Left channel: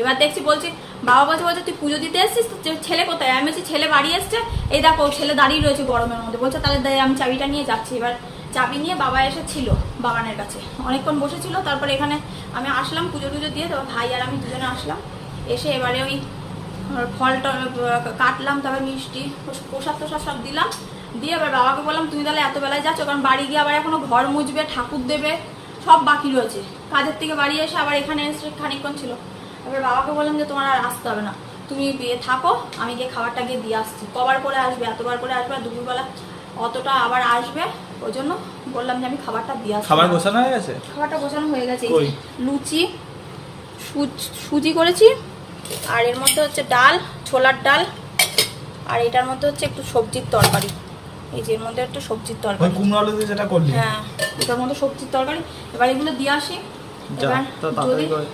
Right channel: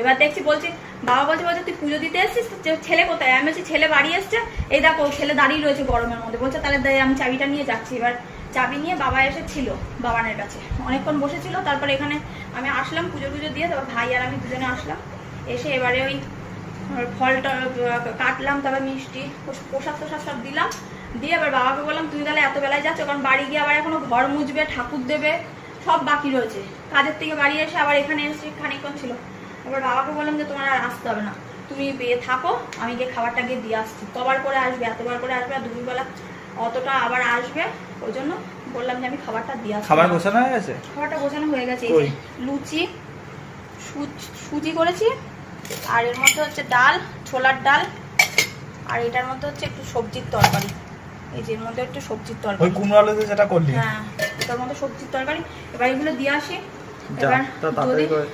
এবার দেখছি বলছি, বাবা বলছে তুই পুজো দিতে এসছিস, ছেলে কোথায়? আমি বলছি ছেলে বাড়ি এসছে, এই দেখো ছেলে দাঁড়িয়ে রয়েছে গরমের মধ্যে। বলছে তাহলে আমি চাবিটা নিয়ে যাচ্ছি। এবার চাবি নিয়ে বাবা এসেছিল বাবানের কাছে, অনেকক্ষণ বসেছিল। তারপরে এখানে আমি আসলাম পুজো টুজো দিয়ে, তারপর ভাই আর আমি দুজনে আসলাম। এসে এবারে ওই ফলটা কাটলাম, তারপর মিষ্টি প্রসাদ টোসাদ সব দিলাম, দিয়ে এবার বাবাকে বললাম তুমি তাহলে এত বেলায় যাচ্ছ, কারণ বাড়ি গিয়ে আবার এখনো ঘর মুছবে, ঠাকুর দেবে, সব বাকি রয়েছে। কাজের থেকে বাড়ি এসে আবার এখানে এসে খানিকক্ষণ ছিল। এবার বাবাকে বললাম যে তোমার আর আসতে হবে না, তুমি থাকো, আমি গিয়ে খাবারটা গিয়ে দিয়ে আসছি। কবার করে আসবে, এতবার করে আসবে, আর দুপুরবেলা অতটা আবার আসবে, ওই জন্য বললাম যে আমি খাবারটা দিয়ে আসছি। খাবার গোছানো হয়ে গেছে? খাবারটা গোছানো হয়ে গেছে। লুচি সুজি করেছি, আর এর মধ্যে হচ্ছে ডাল, ছোলার ডাল, আর এটার মধ্যে হচ্ছে একটু সবজির তরকারি। এই যে এর মধ্যে একটু সবজির তরকারি, ওই কুমড়ো আলু দিয়ে যেটা করলি। হ্যাঁ, এটার মধ্যে সবজির তরকারি। এবার এগুলো দিয়ে আসি। যা, এবার তাড়াতাড়ি যদি করে।